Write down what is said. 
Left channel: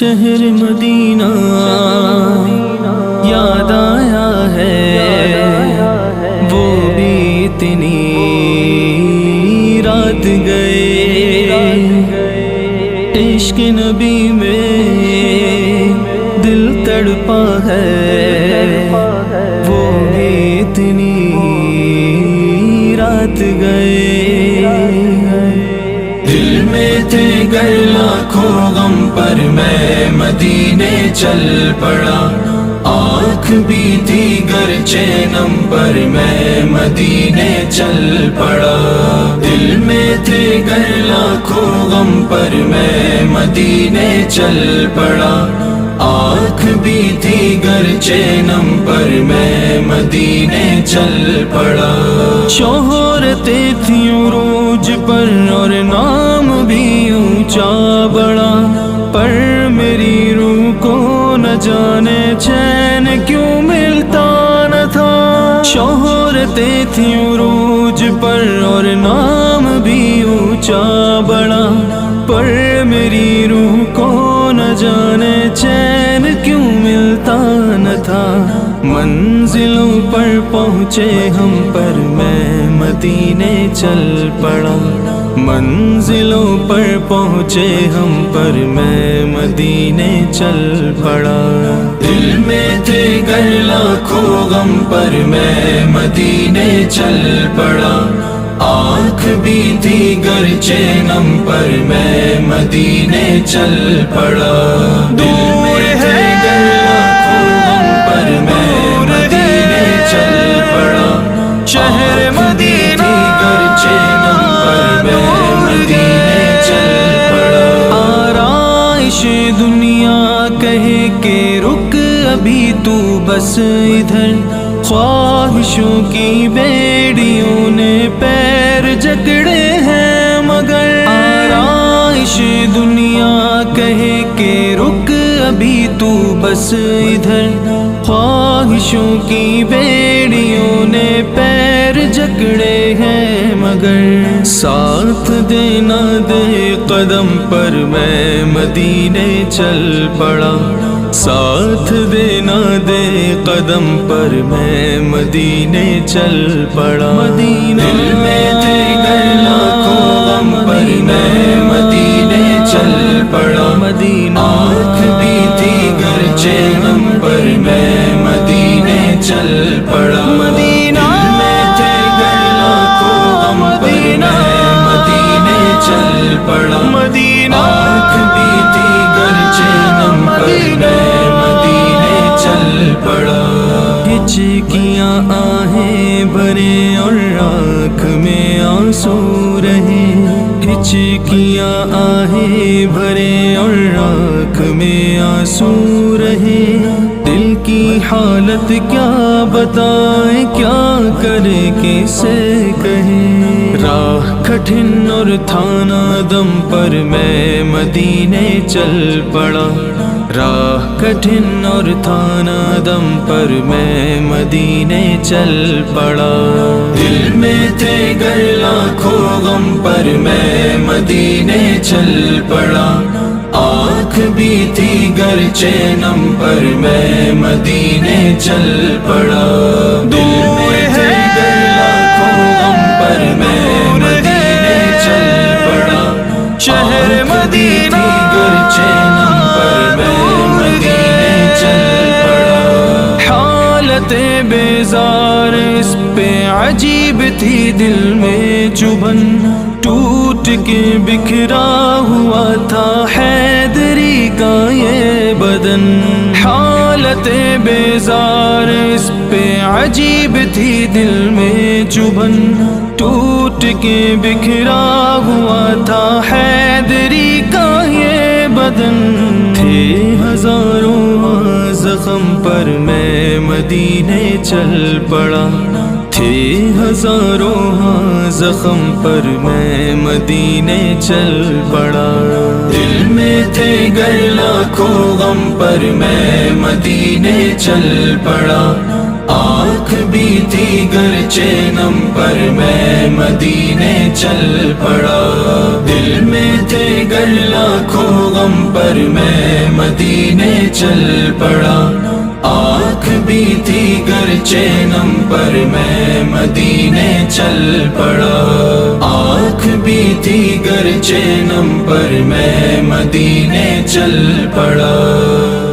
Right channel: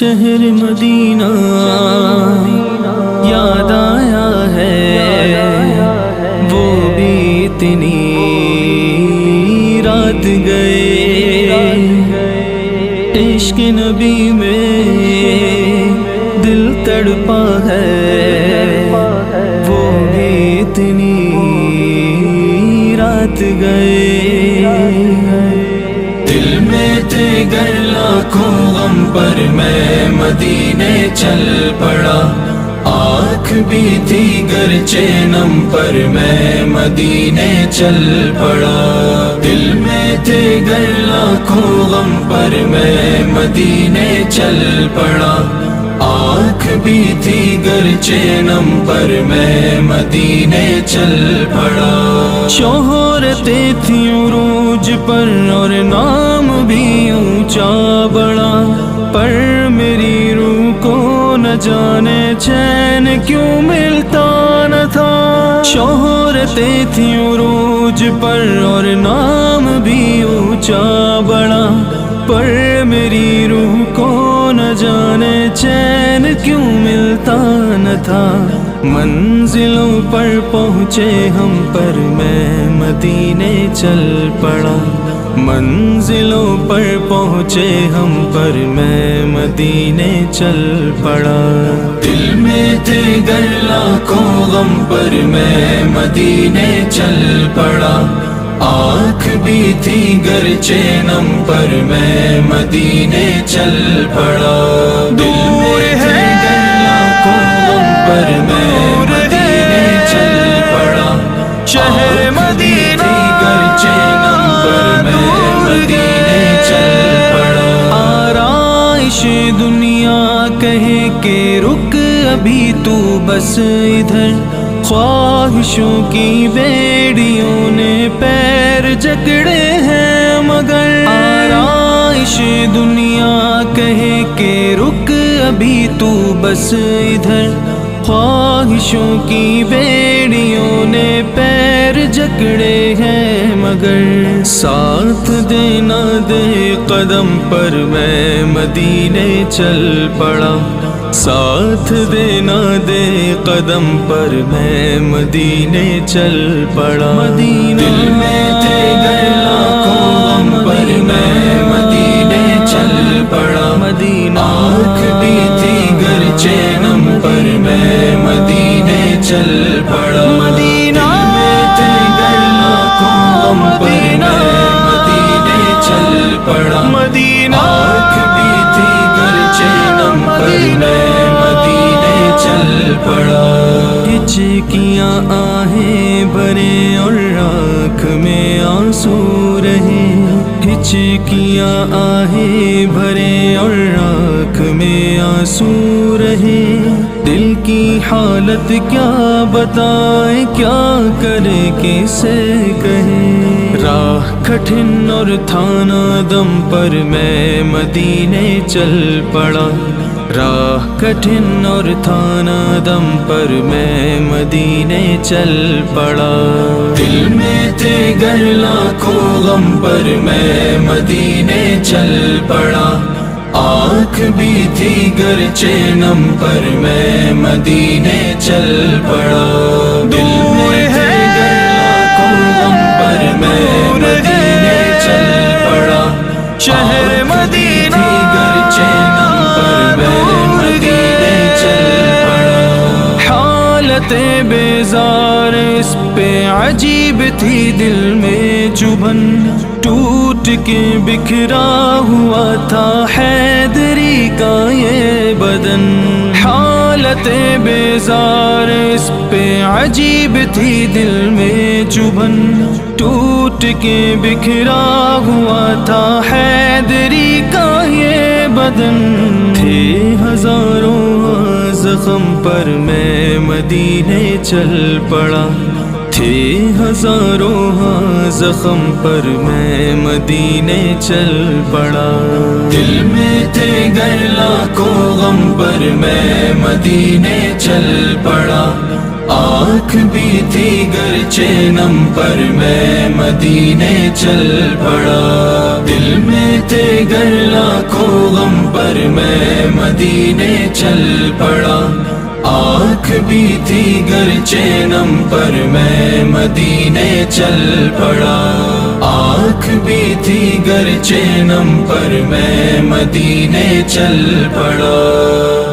شہر مدینہ یاد آیا ہے، وہ بھی اتنی رات گئے، عشق نبی میں دل تڑپا ہے، وہ بھی اتنی رات گئے۔ دل میں تھے گر لاکھوں غم پر میں مدینے چل پڑا، آنکھ بھی تھی گرچہ نم پر میں مدینے چل پڑا۔ دل میں تھے گر لاکھوں غم پر میں مدینے چل پڑا، آنکھ بھی تھی گرچہ نم پر میں مدینے چل پڑا۔ شہرتیں تھیں عروج پر اور نام بھی اونچا بڑا، پر میری روح کو نہ جانے چین کیوں ملتا نہ تھا۔ شہرتیں تھیں عروج پر اور نام بھی اونچا بڑا، پر میری روح کو نہ جانے چین کیوں ملتا نہ تھا۔ منزلوں پر پہنچے ہم پر میں مدینے چل پڑا، منزلوں پر پہنچے ہم پر میں مدینے چل پڑا۔ دل میں تھے گر لاکھوں غم پر میں مدینے چل پڑا، آنکھ بھی تھی گرچہ نم پر میں مدینے چل پڑا۔ دور ہے پر میں مدینے چل پڑا، شہر مدینہ دور گئے چل پڑا۔ آرائش دنیا کہے کہ رک ابھی تو بس ادھر، خواہشوں کی بیڑیوں نے پیر جکڑے ہیں مگر۔ آرائش دنیا کہے کہ رک ابھی تو بس ادھر، خواہشوں کی بیڑیوں نے پیر جکڑے ہیں مگر۔ ساتھ دینا دے قدم پر میں مدینے چل پڑا، ساتھ دینا دے قدم پر میں مدینے چل پڑا۔ مدینہ دل میں تھے گر لاکھوں غم پر میں مدینے چل پڑا، مدینہ آنکھ بھی تھی گرچہ نم پر میں مدینے چل پڑا۔ مدینہ تھے گر لاکھوں غم پر میں مدینے چل پڑا، مدینہ آنکھ بھی تھی گرچہ نم پر میں مدینے چل پڑا۔ ہچکیاں آہیں بھرے اور آنکھ میں آنسو رہے، ہچکیاں آہیں بھرے اور آنکھ میں آنسو رہے۔ دل کی حالت کیا بتائیں، کیا کرے کیسے کہیں، راہ کٹھن اور تھانا دم پر میں مدینے چل پڑا، راہ کٹھن اور تھانا دم پر میں مدینے چل پڑا۔ دل میں تھے گر لاکھوں غم پر میں مدینے چل پڑا، آنکھ بھی تھی گرچہ نم پر میں مدینے چل پڑا۔ دور ہے گر لاکھوں غم پر میں مدینے چل پڑا، شہر مدینہ بیزار اس پہ عجیب تھی دل میں چبھن، ٹوٹ کے بکھرا ہوا تھا حیدری کا یہ بدن۔ حالت بیزار اس پہ عجیب تھی دل میں چبھن، ٹوٹ کے بکھرا ہوا تھا حیدری کا یہ بدن۔ تھے ہزاروں زخم پر میں مدینے چل پڑا، تھے ہزاروں زخم پر میں مدینے چل پڑا۔ دل میں تھے گر لاکھوں غم پر میں مدینے چل پڑا، آنکھ بھی تھی گرچہ نم پر میں مدینے چل پڑا، دل میں تھے گر لاکھوں غم پر میں مدینے چل پڑا، آنکھ بھی تھی گرچہ نم پر میں مدینے چل پڑا، آنکھ بھی تھی گرچہ نم پر میں مدینے چل پڑا۔